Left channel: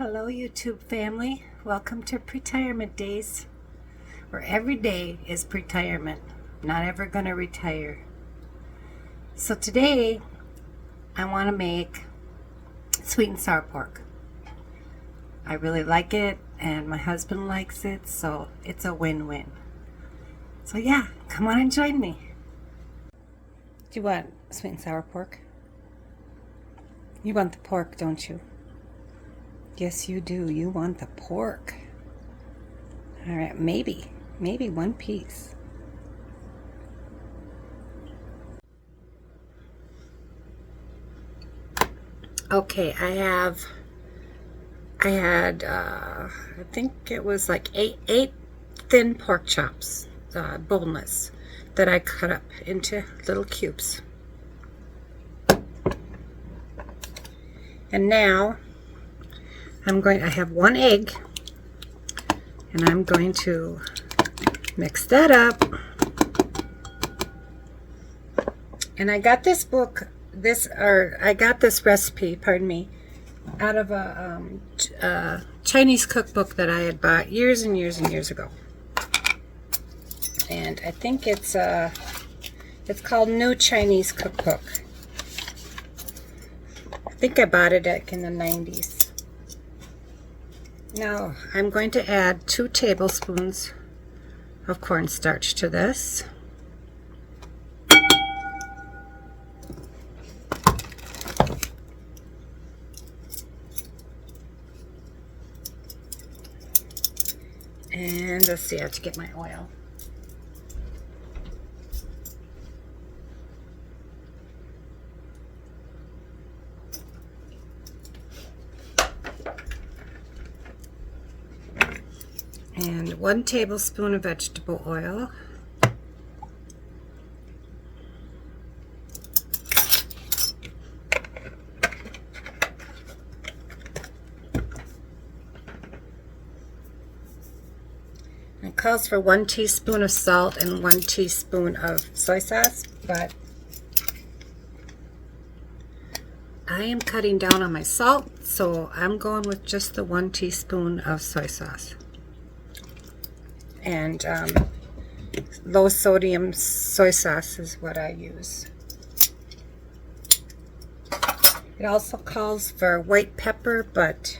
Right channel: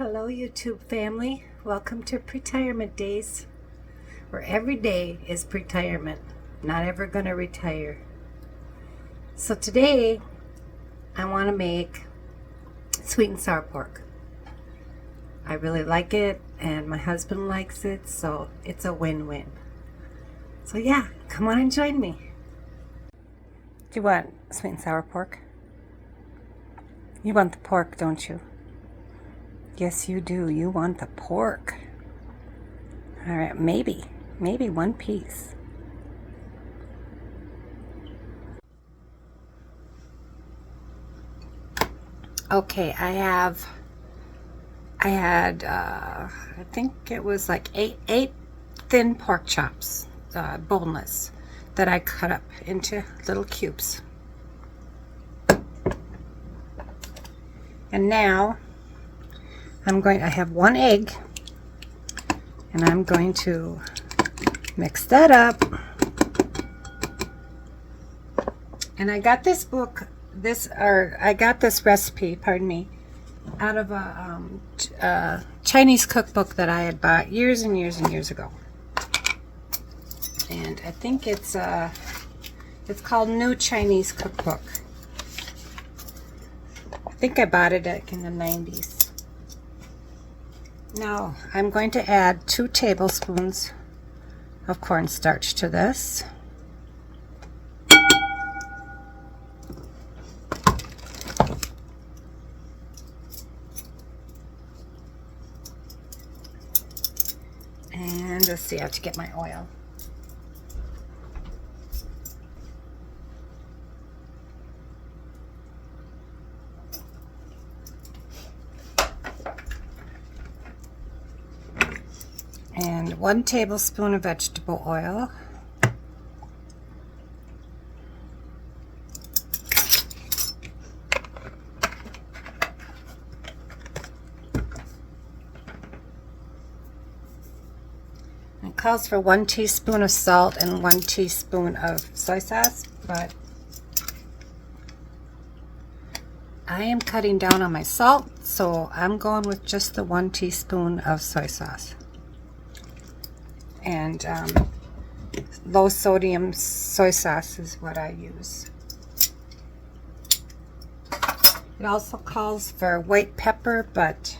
Hello YouTube family, welcome to Retirement Days, where every day is retirement. Not ever gonna retire. So today I want to make sweet and sour pork. I really like it and my husband likes it, so it's a win-win. So yeah, come on and join me. Do you want sweet and sour pork? You want the pork, don't you? Yes, you do. You want the pork. All right, maybe one piece. Okay, I think it was like eight thin pork chops, boneless, that I cut up into little cubes. And now I have one egg, and I'm going to mix that up. And I got this book, I got this recipe, pardon me, out of a Chinese cookbook that I had bought years and years and years ago. And I think it's called New Chinese Cookbook. I think I bought it in the 90s. Now I'm going to add 2 tablespoons of cornstarch to this. And let's see, I have to get my oil. And 1 tablespoon of vegetable oil. It calls for 1 teaspoon of salt and 1 teaspoon of soy sauce, but I am cutting down on my salt, so I'm going with just the 1 teaspoon of soy sauce. And low sodium soy sauce is what I use. It also calls for white pepper, but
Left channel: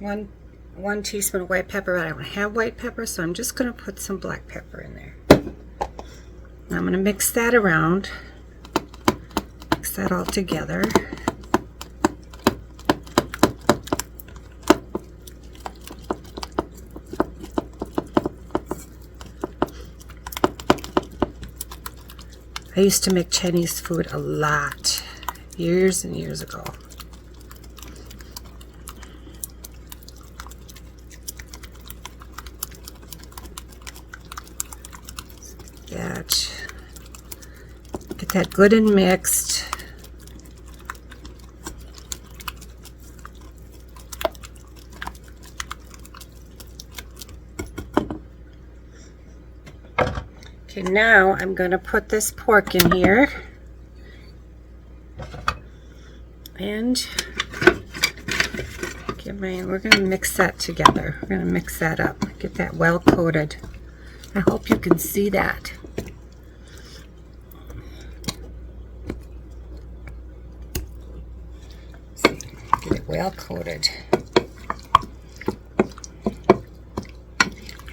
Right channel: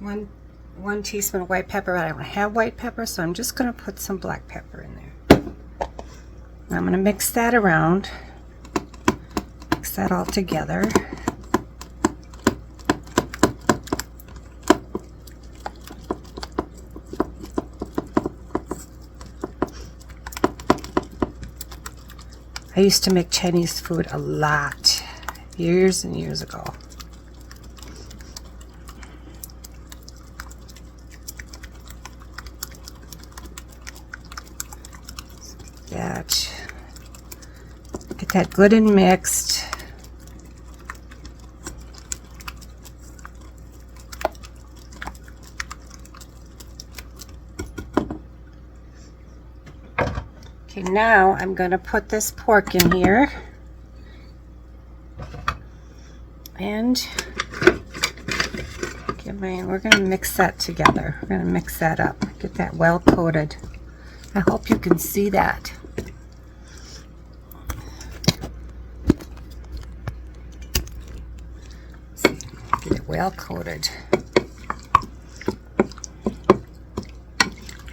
one teaspoon of white pepper. I don't have white pepper, so I'm just going to put some black pepper in there. Now I'm going to mix that around, mix that all together. I used to make Chinese food a lot, years and years ago. Get that good and mixed. Okay, now I'm going to put this pork in here, and we're going to mix that together. We're going to mix that up, get that well coated. I hope you can see that. Get it well coated.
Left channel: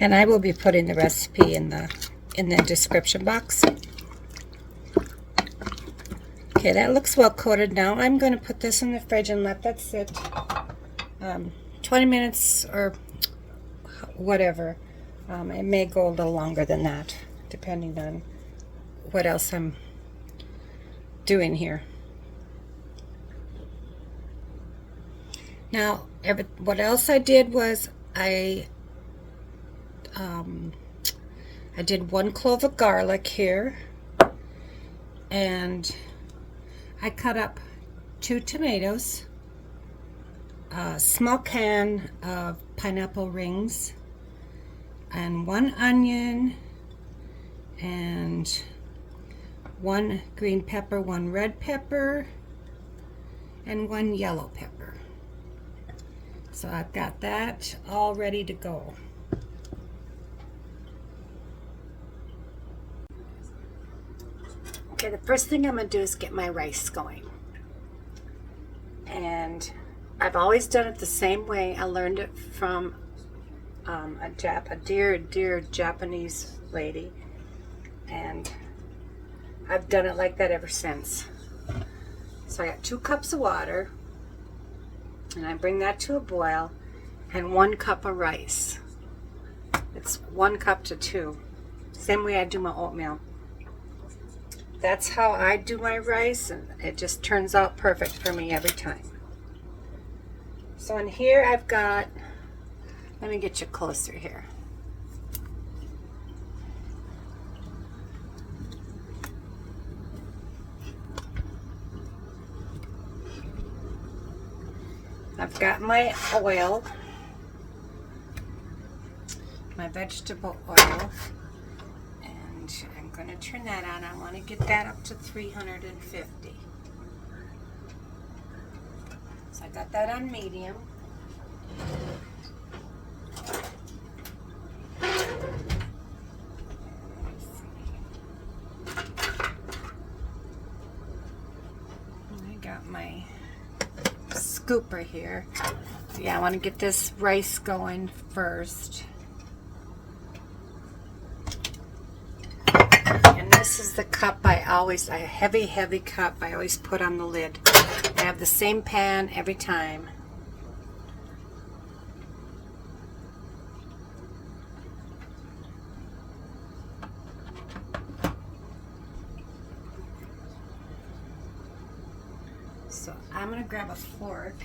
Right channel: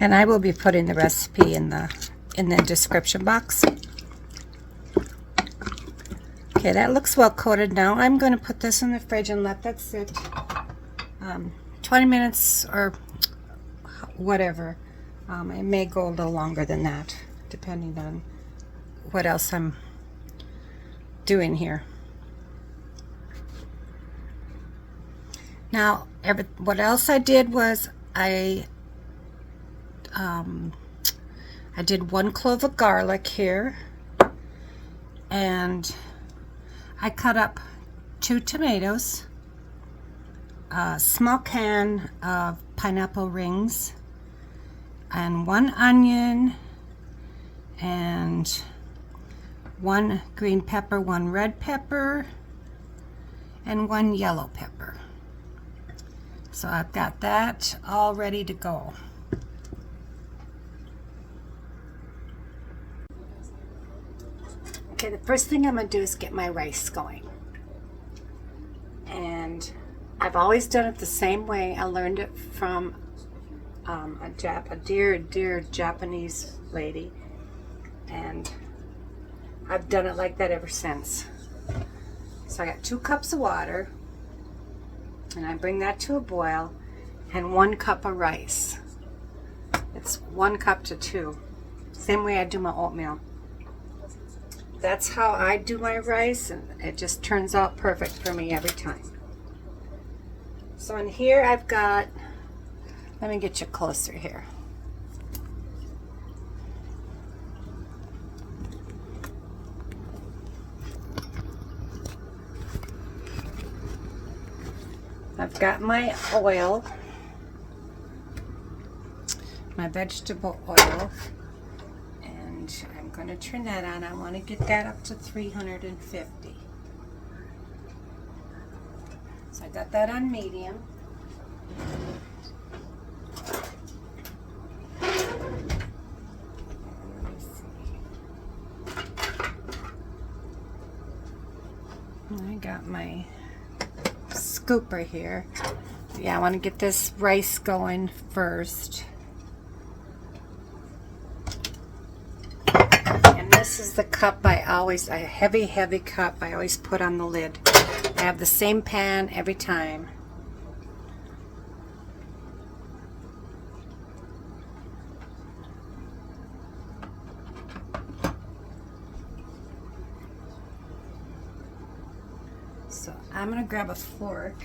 And I will be putting the recipe in the description box. Okay, that looks well coated now. I'm going to put this in the fridge and let that sit 20 minutes or whatever. It may go a little longer than that, depending on what else I'm doing here. Now, what else I did was I did 1 clove of garlic here, and I cut up 2 tomatoes, a small can of pineapple rings, and 1 onion, and 1 green pepper, 1 red pepper, and 1 yellow pepper. So I've got that all ready to go. Okay, the first thing I'm going to do is get my rice going. And I've always done it the same way. I learned it from a dear Japanese lady. And I've done it like that ever since. So I got 2 cups of water. And I bring that to a boil. And 1 cup of rice. It's 1 cup to 2. Same way I do my oatmeal. That's how I do my rice, and it just turns out perfect for me every time. So in here I've got, let me get you closer here. I've got my oil, my vegetable oil. I'm going to turn that on. I want to get that up to 350. So I got that on medium. I got my scooper here. Yeah, I want to get this rice going first. This is the cup a heavy cup I always put on the lid. I have the same pan every time. So I'm going to grab a fork.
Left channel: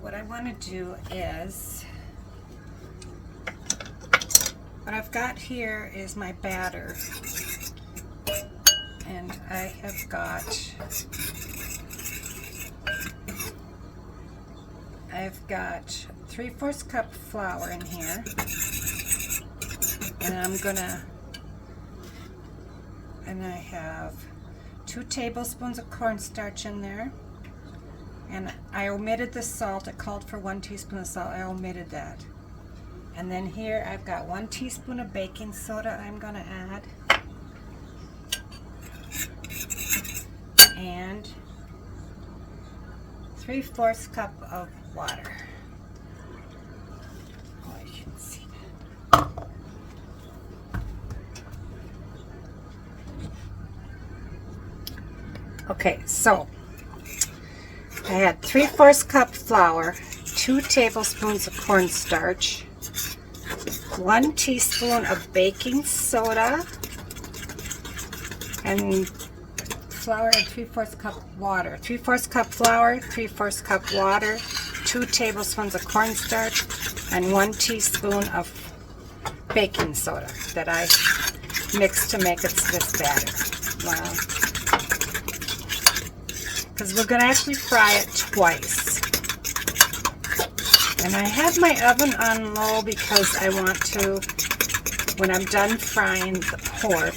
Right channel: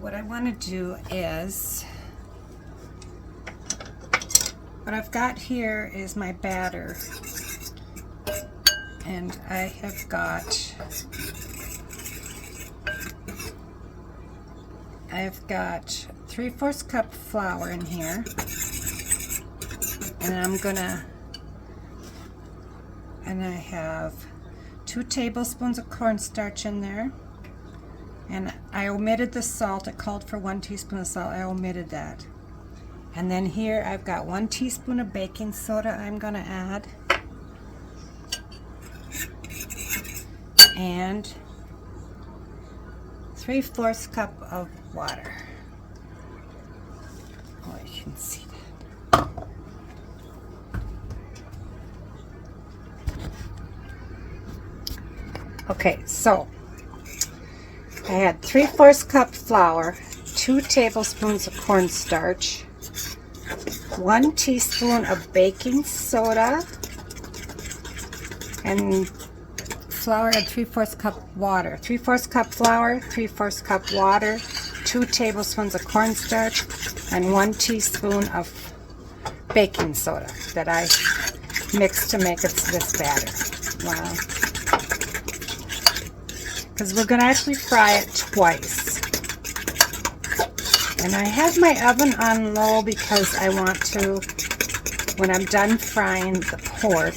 What I want to do is, what I've got here is my batter, and I have got 3/4 cup flour in here, and I have 2 tablespoons of cornstarch in there. And I omitted the salt. It called for 1 teaspoon of salt. I omitted that. And then here I've got 1 teaspoon of baking soda I'm going to add. And 3/4 cup of water. Oh, you can see that. Okay, so I had 3/4 cup flour, 2 tablespoons of cornstarch, 1 teaspoon of baking soda, and flour and 3/4 cup water. 3/4 cup flour, 3/4 cup water, 2 tablespoons of cornstarch, and 1 teaspoon of baking soda that I mixed to make it this batter. Wow. Because we're going to actually fry it twice. And I have my oven on low because I want to, when I'm done frying the pork,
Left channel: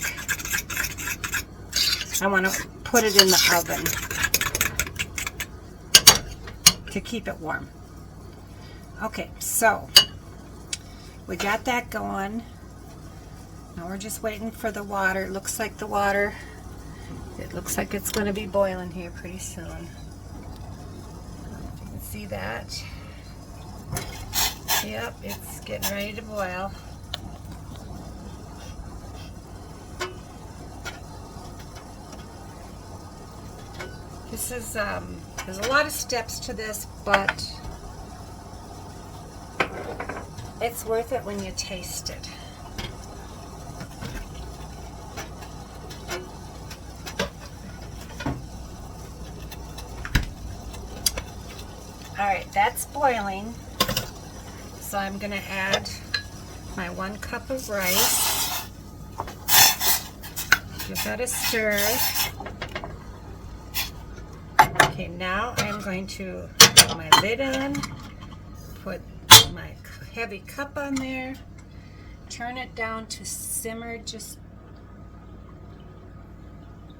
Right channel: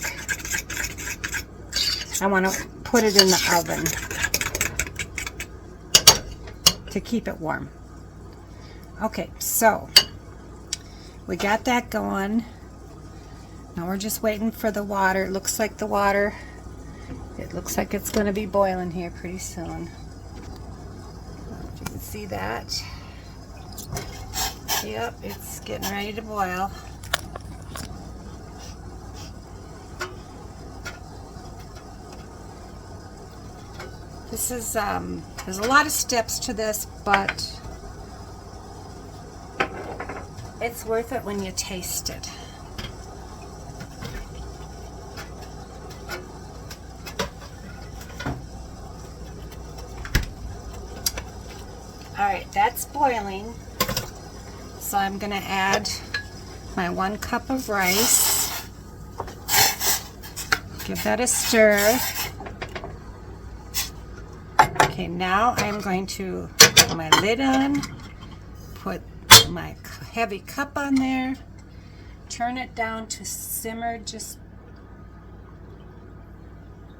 I want to put it in the oven to keep it warm. Okay, so we got that going. Now we're just waiting for the water. It looks like it's going to be boiling here pretty soon. If you can see that. Yep, it's getting ready to boil. This is, there's a lot of steps to this, but it's worth it when you taste it. Alright, that's boiling. So I'm going to add my 1 cup of rice. Give that a stir. Okay, now I'm going to put my lid on, put my heavy cup on there, turn it down to simmer just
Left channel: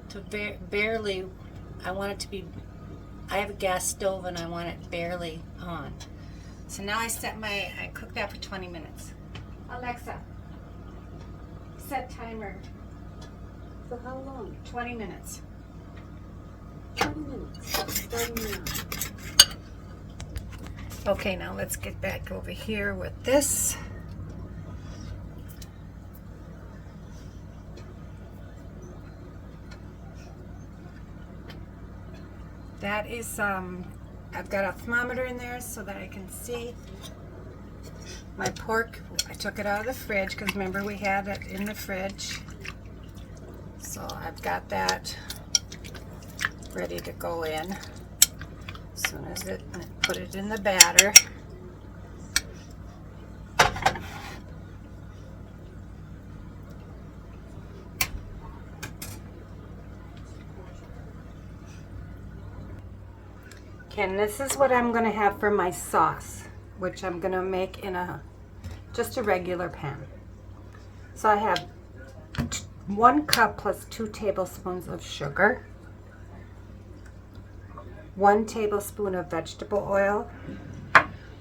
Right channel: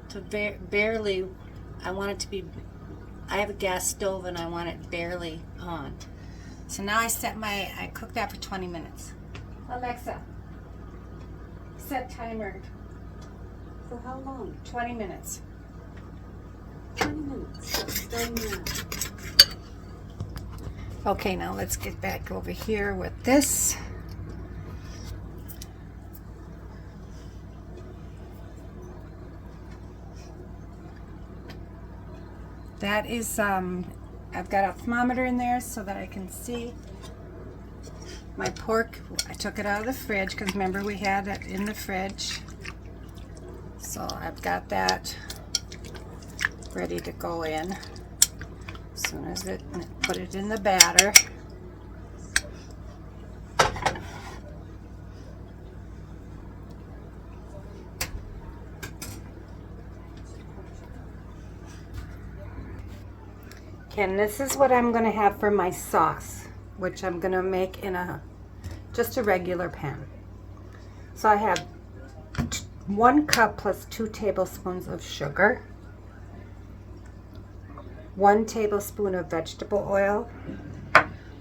to barely. I want it to be, I have a gas stove and I want it barely on. So now I cooked that for 20 minutes. Alexa, set timer. For how long? 20 minutes. 20 minutes. Starting now. Okay, now let's get back over here with this. That is, I've got a thermometer in there so that I can see my pork. I took it out of the fridge because remember we had it in the fridge. So I've got that ready to go in. As soon as put it in the batter. Okay, and this is what I'm going to have for my sauce, which I'm going to make in just a regular pan. So I have 1 cup plus 2 tablespoons of sugar, 1 tablespoon of vegetable oil,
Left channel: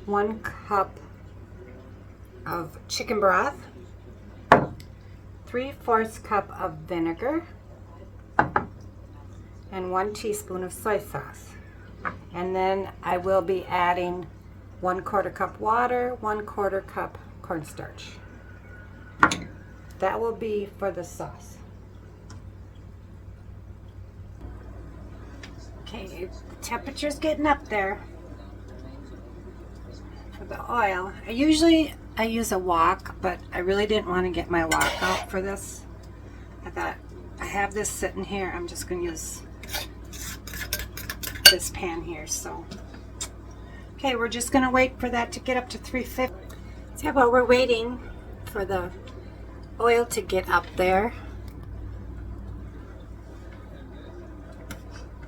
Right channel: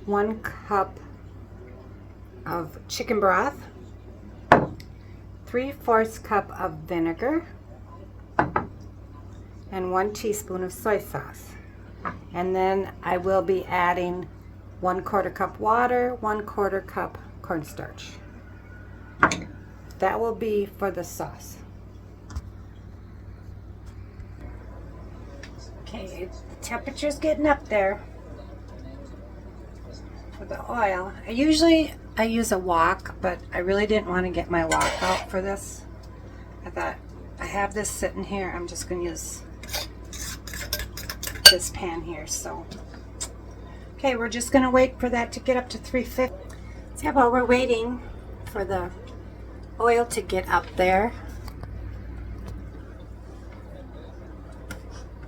1 cup of chicken broth, 3/4 cup of vinegar, and 1 teaspoon of soy sauce. And then I will be adding 1/4 cup water, 1/4 cup cornstarch. That will be for the sauce. Okay, the temperature's getting up there for the oil. I use a wok, but I really didn't want to get my wok out for this. I thought I have this sitting here. I'm just going to use this pan here. So, okay, we're just going to wait for that to get up to 350. See, while we're waiting for the oil to get up there,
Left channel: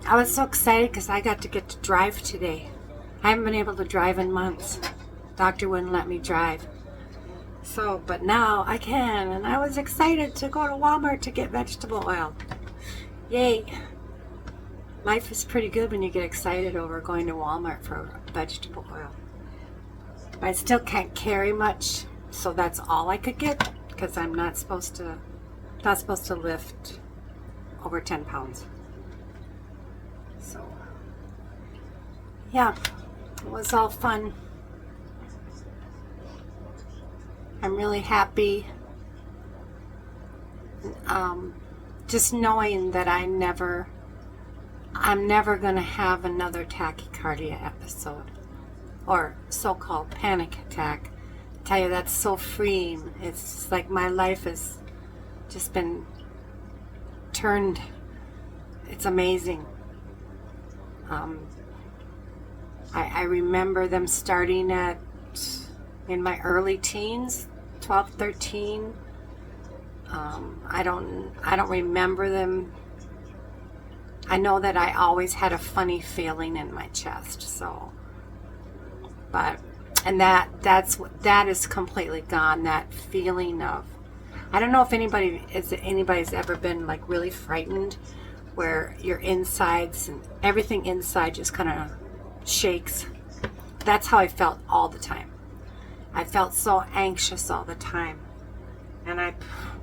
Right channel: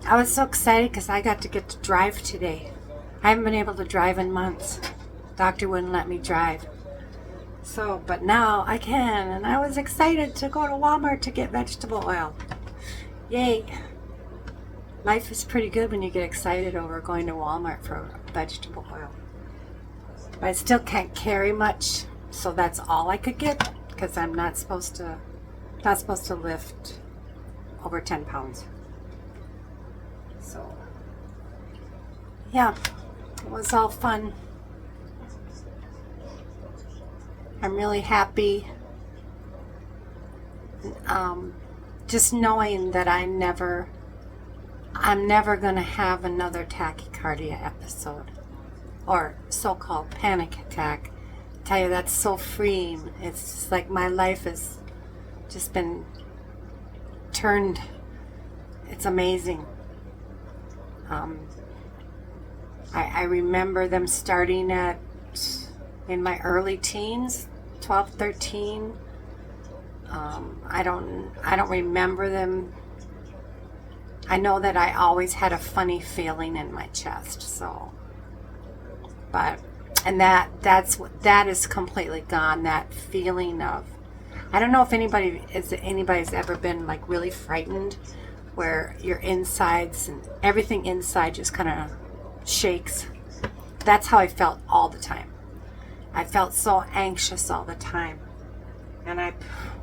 I was so excited because I got to get to drive today. I haven't been able to drive in months. Doctor wouldn't let me drive. So, but now I can, and I was excited to go to Walmart to get vegetable oil. Yay. Life is pretty good when you get excited over going to Walmart for vegetable oil. But I still can't carry much, so that's all I could get because I'm not supposed to lift over 10 pounds. So, yeah, it was all fun. I'm really happy just knowing that I'm never going to have another tachycardia episode or so-called panic attack. I tell you, that's so freeing. It's like my life has just been turned. It's amazing. I remember them starting in my early teens, 12, 13. I don't remember them. I know that I always had a funny feeling in my chest. So, that is completely gone. That feeling of, I don't know if anybody's ever been like really frightened, where your insides and everything inside just kind of shakes. That's how I felt all the time. I felt so anxious all the time. And I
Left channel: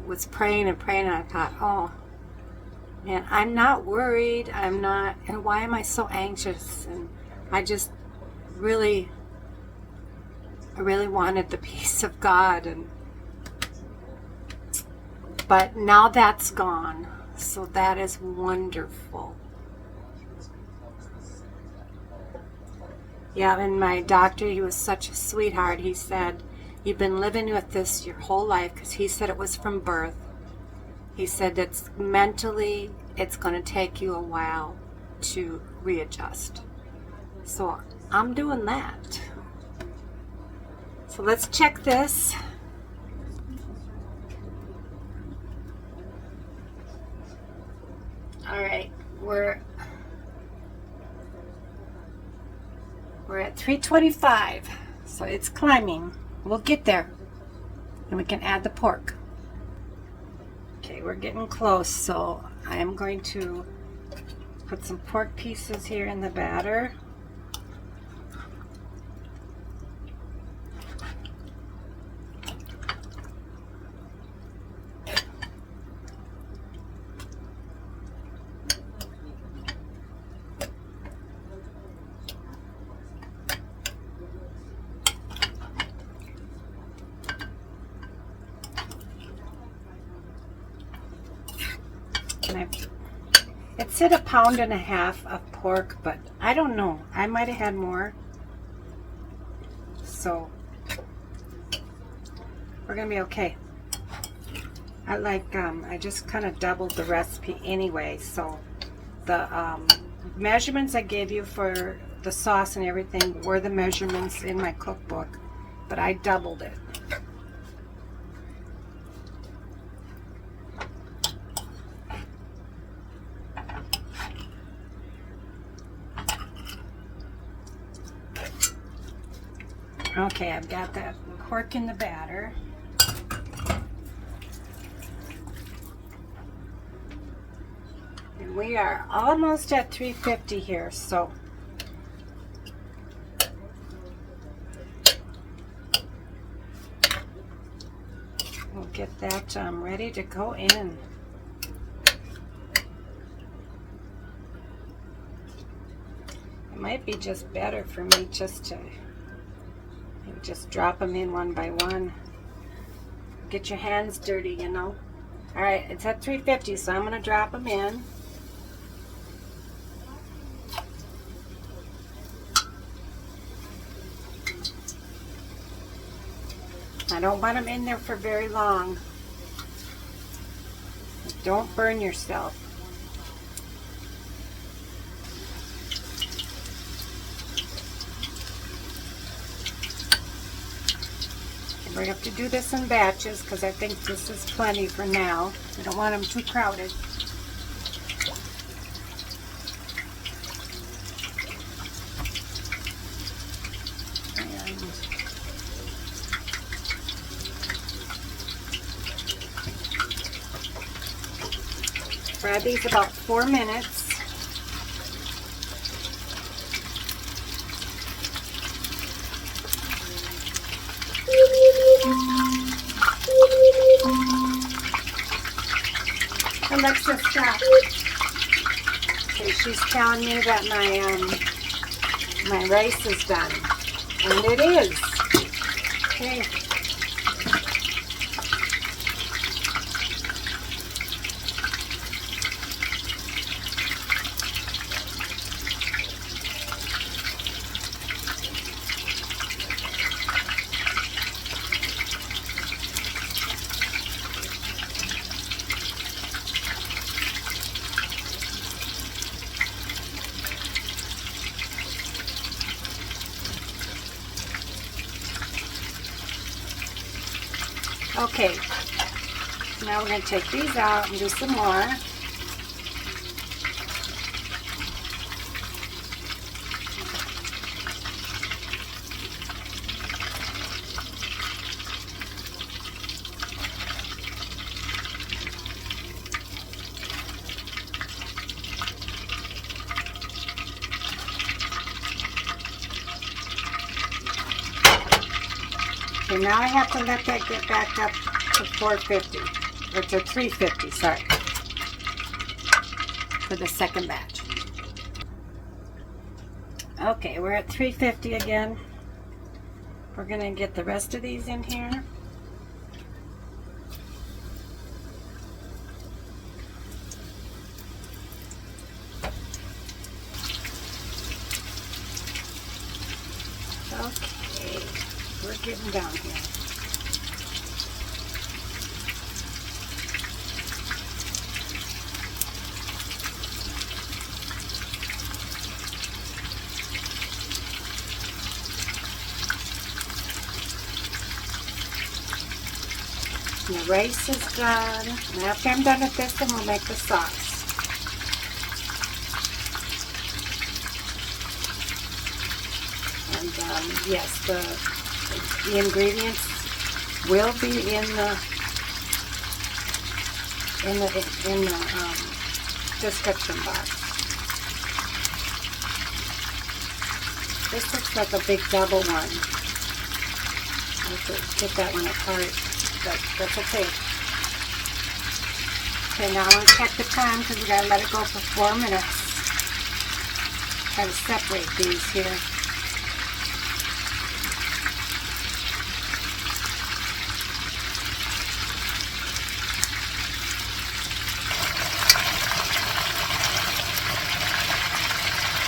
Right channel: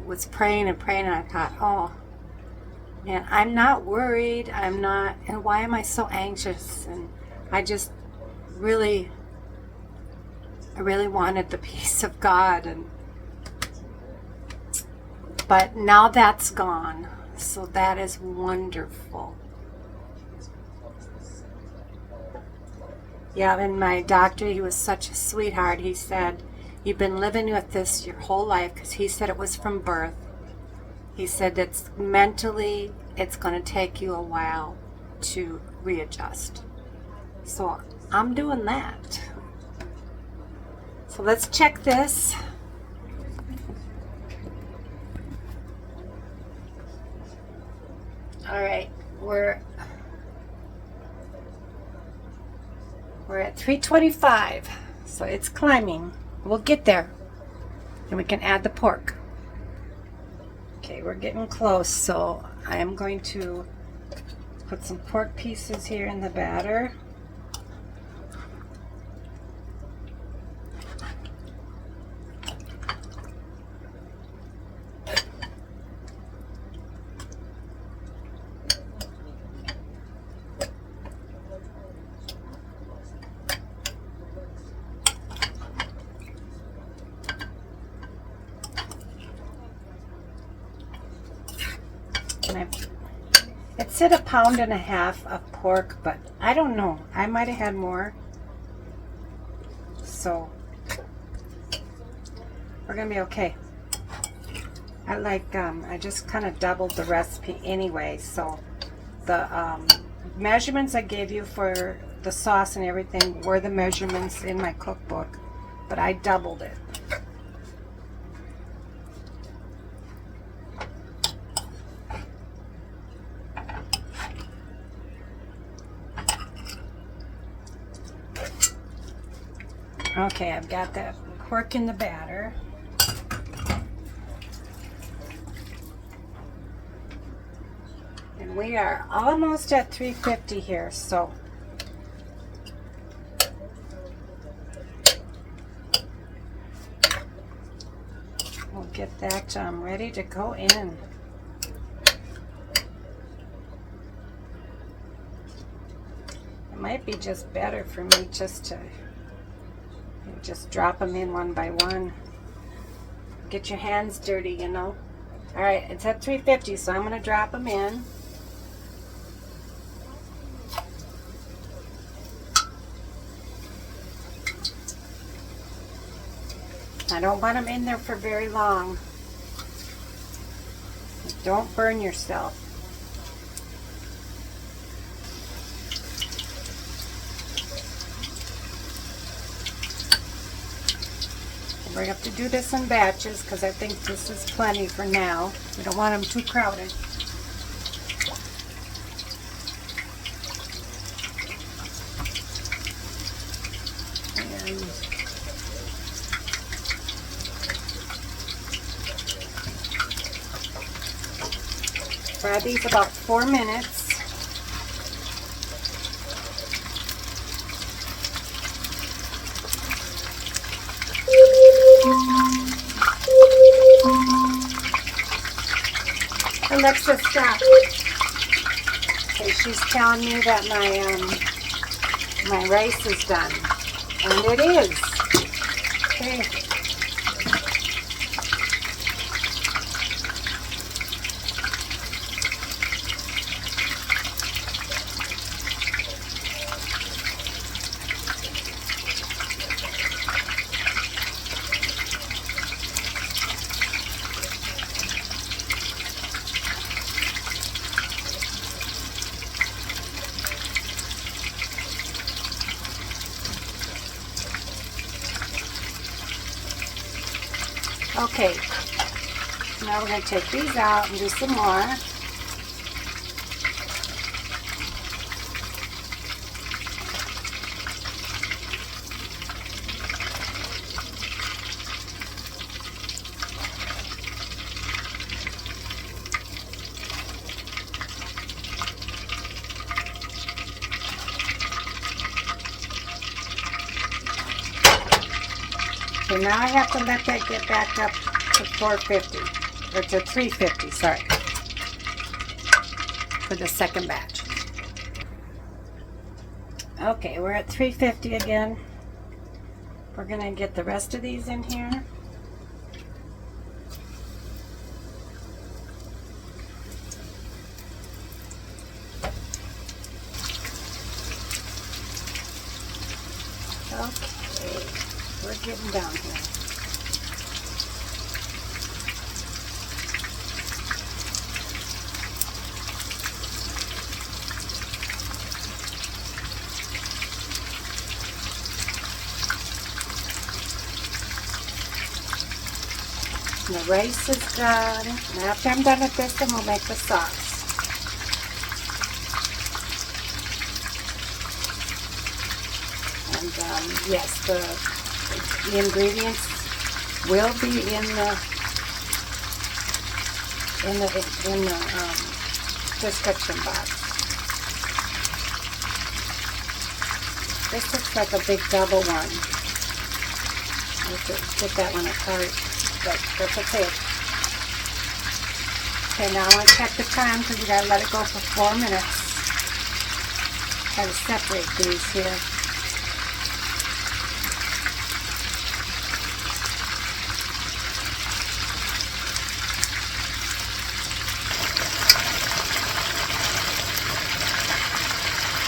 was praying and praying, and I thought, oh, man, I'm not worried. I'm not, and why am I so anxious? And I just really wanted the peace of God. But now that's gone. So that is wonderful. Yeah, and my doctor, he was such a sweetheart. He said, you've been living with this your whole life, because he said it was from birth. He said that mentally, it's going to take you a while to readjust. So I'm doing that. So let's check this. All right, we're at 325, so it's climbing. We'll get there. And we can add the pork. Okay, we're getting close, so I am going to put some pork pieces here in the batter. It said 1.5 pounds of pork, but I don't know. I might have had more. So we're gonna be okay. I just kind of doubled the recipe anyway. So the measurements I gave you for the sauce and everything were the measurements in my cookbook, but I doubled it. Okay, I've got that pork in the batter. And we are almost at 350 here, so we'll get that ready to go in. It might be just better for me just to just drop them in one by one. Get your hands dirty, you know. All right, it's at 350, so I'm going to drop them in. I don't want them in there for very long. Don't burn yourself. We have to do this in batches because I think this is plenty for now. I don't want them too crowded. And fry these about 4 minutes. Alexa, stop. Okay, she's telling me that my rice is done, and it is. Okay. Okay, now we're going to take these out and do some more. Okay, now I have to let that get back up to 450, or to 350, sorry, for the second batch. Okay, we're at 350 again. We're going to get the rest of these in here. Okay, we're getting down here. The rice is done. And after I'm done with this, then we'll make the sauce. And yes, the ingredients will be in the description box. This looks like a big double one. I have to get that one apart, but that's okay. Okay, now I want to check the time because we gotta let it go for 4 minutes. Try to separate these here.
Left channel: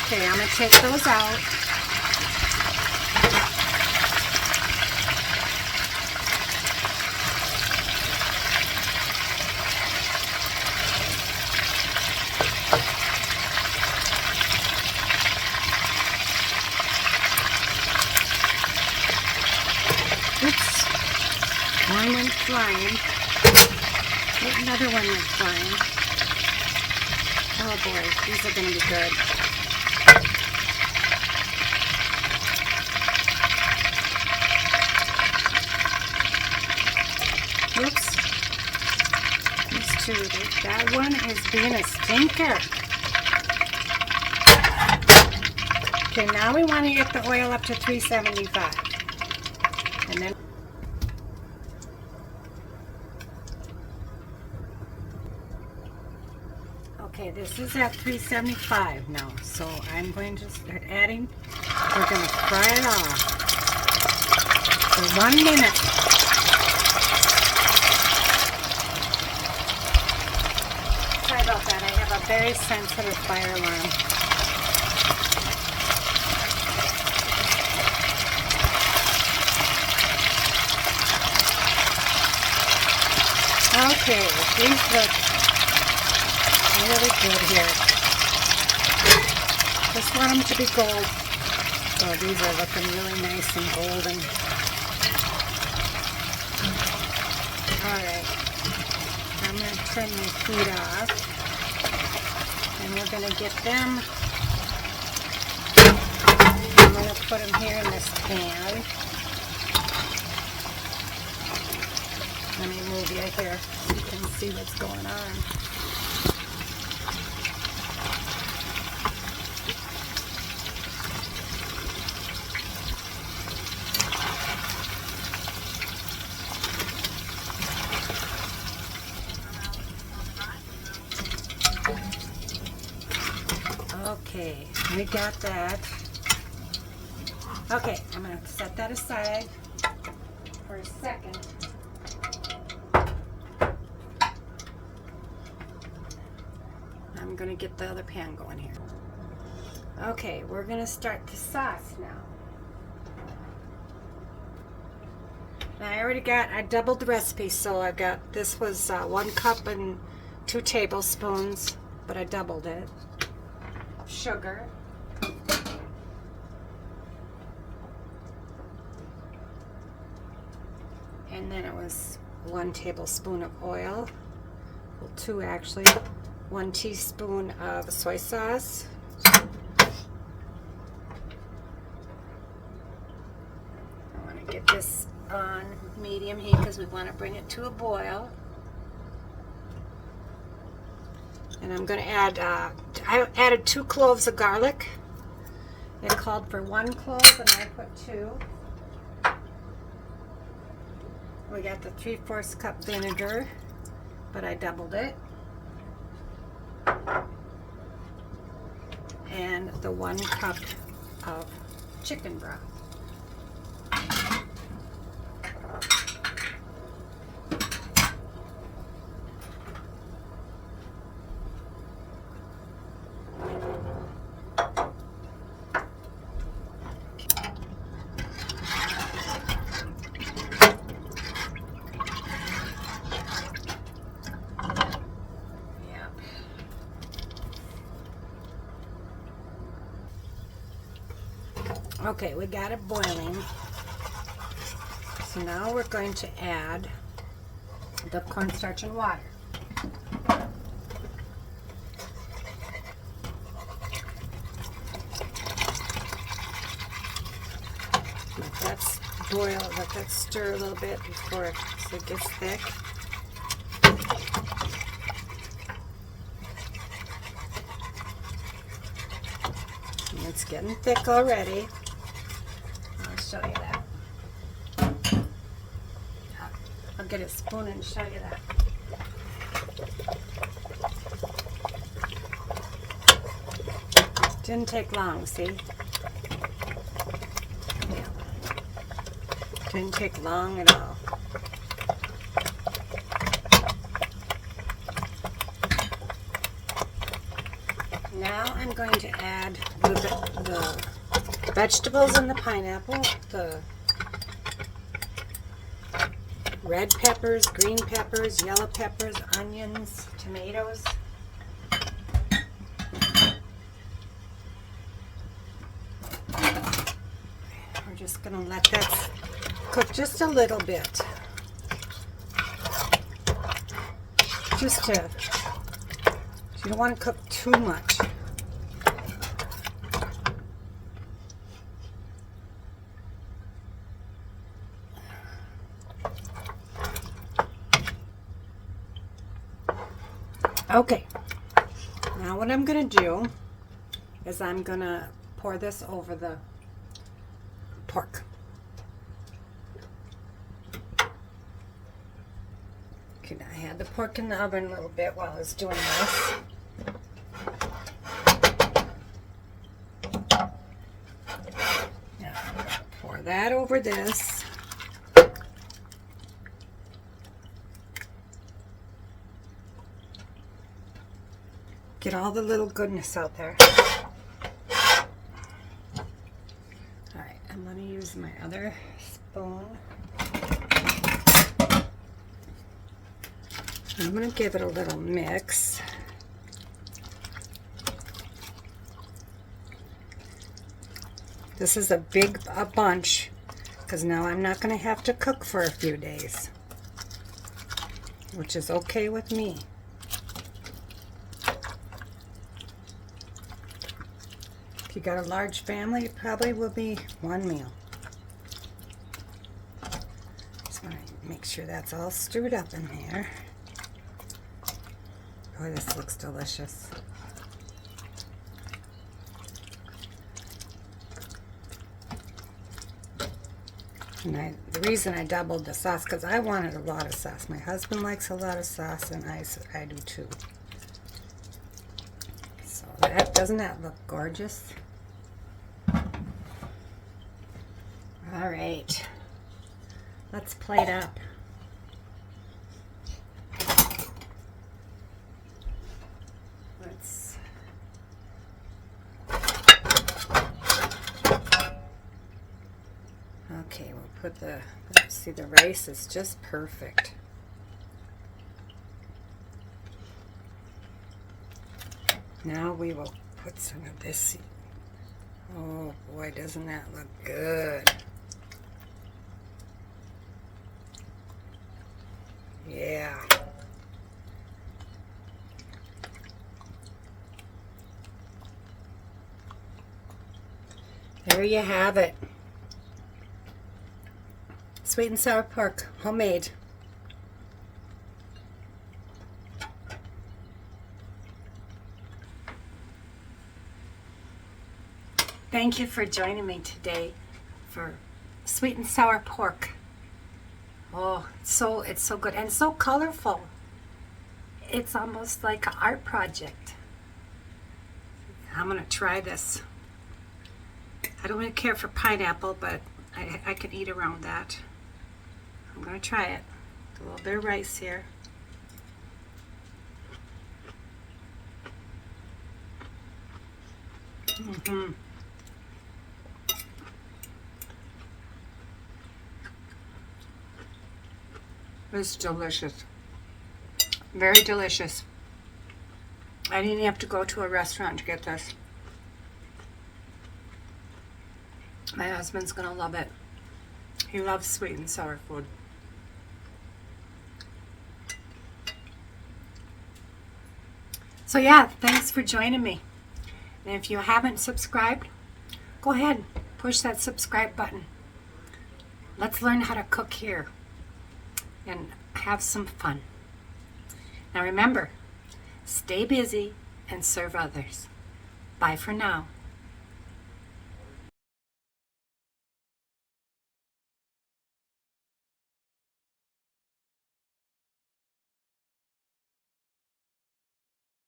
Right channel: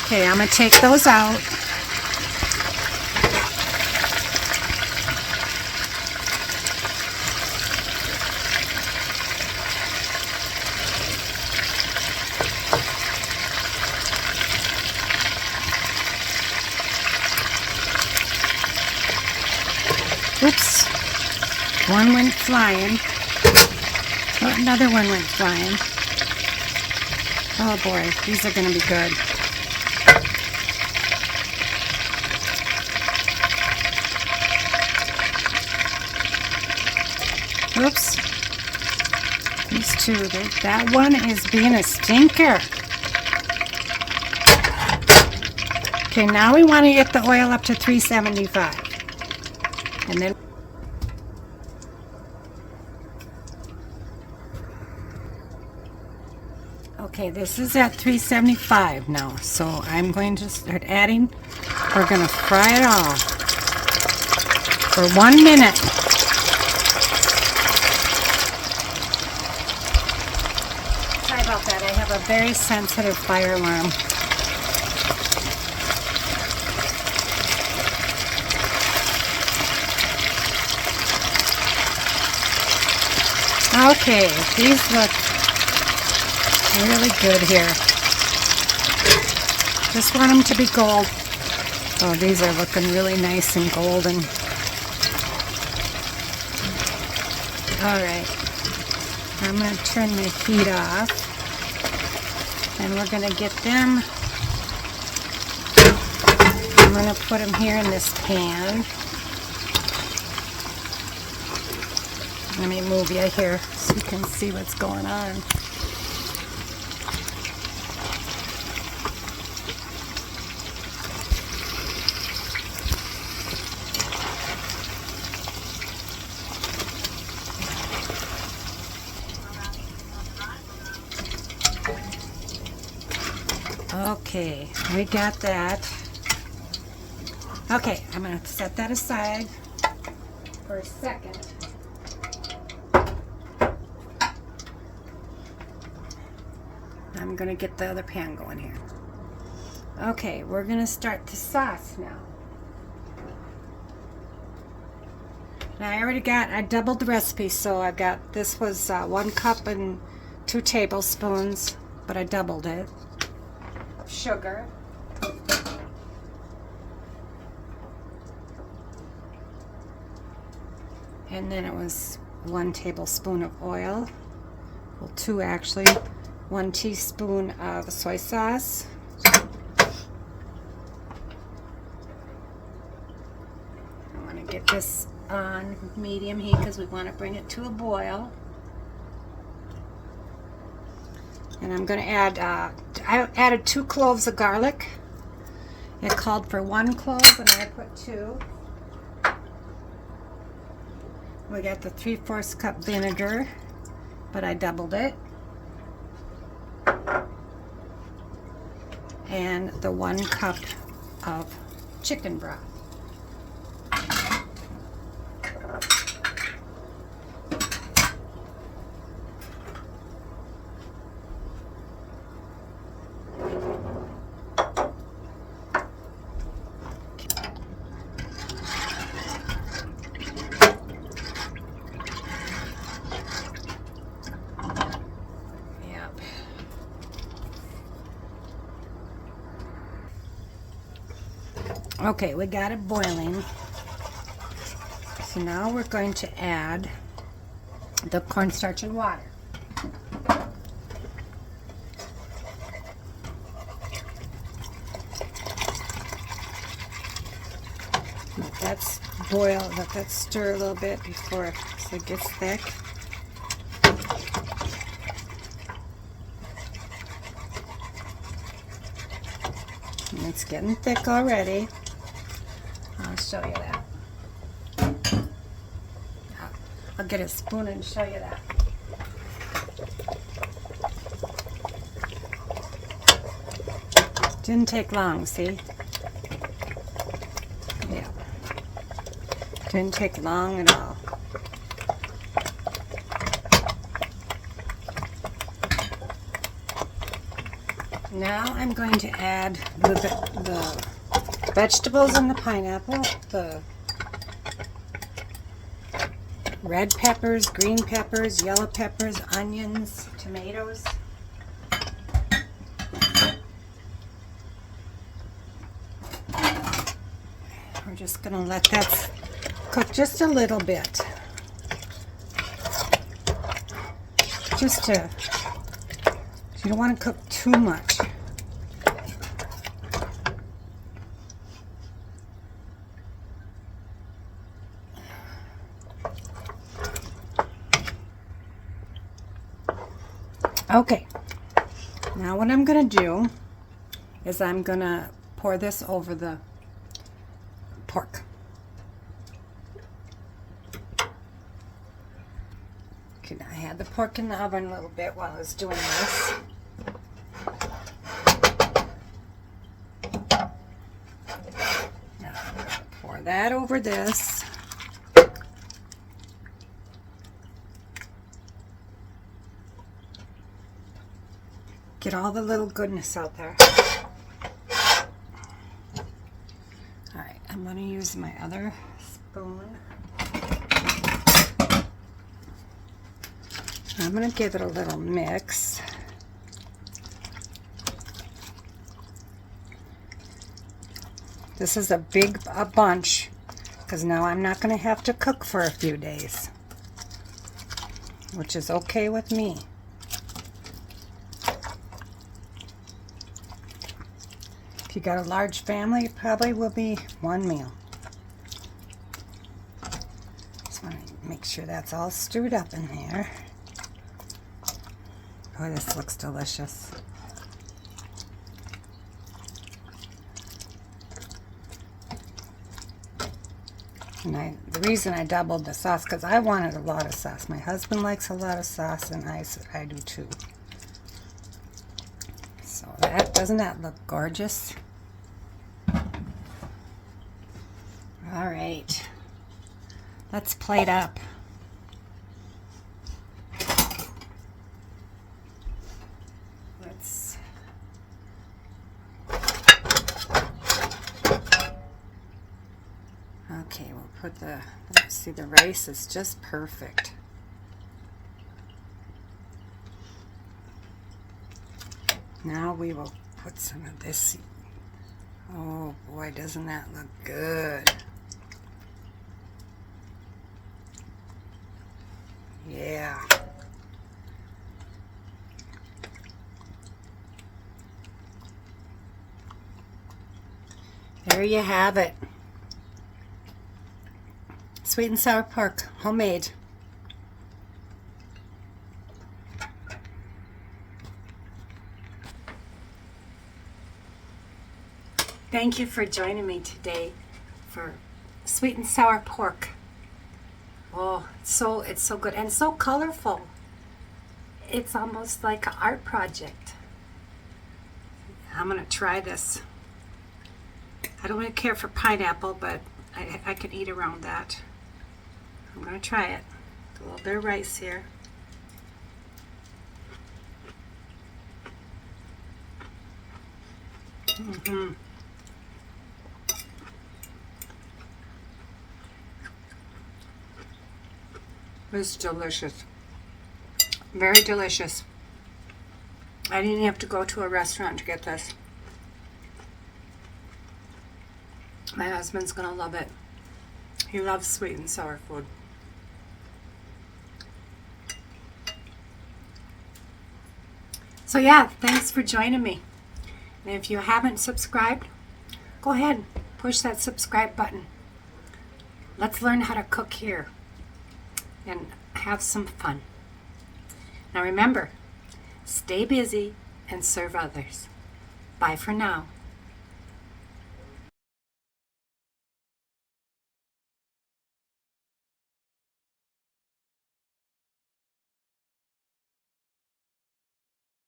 Okay, I'm going to take those out. Oops. One went flying. Oh, another one went flying. Oh boy, these are going to be good. Whoops. These two, that one is being a stinker. Okay, now we want to get the oil up to 375. And then okay, this is at 375 now. So I'm going to start adding. We're going to fry it all for 1 minute. Sorry about that. I have a very sensitive fire alarm. Okay, these look really good here. Just want them to be gold. Oh, these are looking really nice and golden. Alright, I'm going to turn the heat off. And we're going to get them. I'm going to put them here in this pan. Let me move you here so you can see what's going on. Okay, we got that. Okay, I'm going to set that aside for a second. I'm going to get the other pan going here. Okay, we're going to start the sauce now. Now I doubled the recipe, so I got, this was 1 cup and 2 tablespoons, but I doubled it. Sugar. And then it was 1 tablespoon of oil. Well, 2 actually. 1 teaspoon of soy sauce. I want to get this on medium heat because we want to bring it to a boil. And I'm going to add, I added 2 cloves of garlic. It called for 1 clove, and I put 2. We got the 3/4 cup vinegar, but I doubled it. And the 1 cup of chicken broth. Okay, we got it boiling. So now we're going to add the cornstarch and water. Let that boil, let that stir a little bit before it gets thick. And it's getting thick already. I'll show you that. I'll get a spoon and show you that. Didn't take long, see? Yeah. Didn't take long at all. Now I'm going to add the vegetables and the pineapple, the red peppers, green peppers, yellow peppers, onions, tomatoes. I'm just going to let that cook just a little bit. You don't want to cook too much. Okay, now what I'm going to do is I'm going to pour this over the pork. Okay, now I had the pork in the oven a little bit while I was doing this. Now I'm going to pour that over this. Get all the little goodness out there. Alright, I'm going to use my other spoon. I'm going to give it a little mix. This is a bunch because now I'm not going to have to cook for a few days, which is okay with me. If you got a large family, it probably will be one meal. Just want to make sure that's all stirred up in there. Boy, this looks delicious. And the reason I doubled the sauce, because I wanted a lot of sauce. My husband likes a lot of sauce, and I do too. So doesn't that look gorgeous? All right, let's plate up. Okay, we'll put see the rice is just perfect. Now we will put some of this. Oh boy, doesn't that look good? Yeah. There you have it. Sweet and sour pork, homemade. Thank you for joining me today for sweet and sour pork. Oh, it's so good and so colorful. It's almost like an art project. I'm gonna try this. I don't really care for pineapple, but I can eat around that. I'm going to try it. A little bit of rice here. It's delicious. Very delicious. I didn't have to go to a restaurant to get this. My husband's going to love it. He loves sweet and sour food. So yeah, thanks for joining me. And if you haven't subscribed, go ahead, push that subscribe button. let's learn how to cook here and have some fun. Now remember, stay busy and serve others. Bye for now.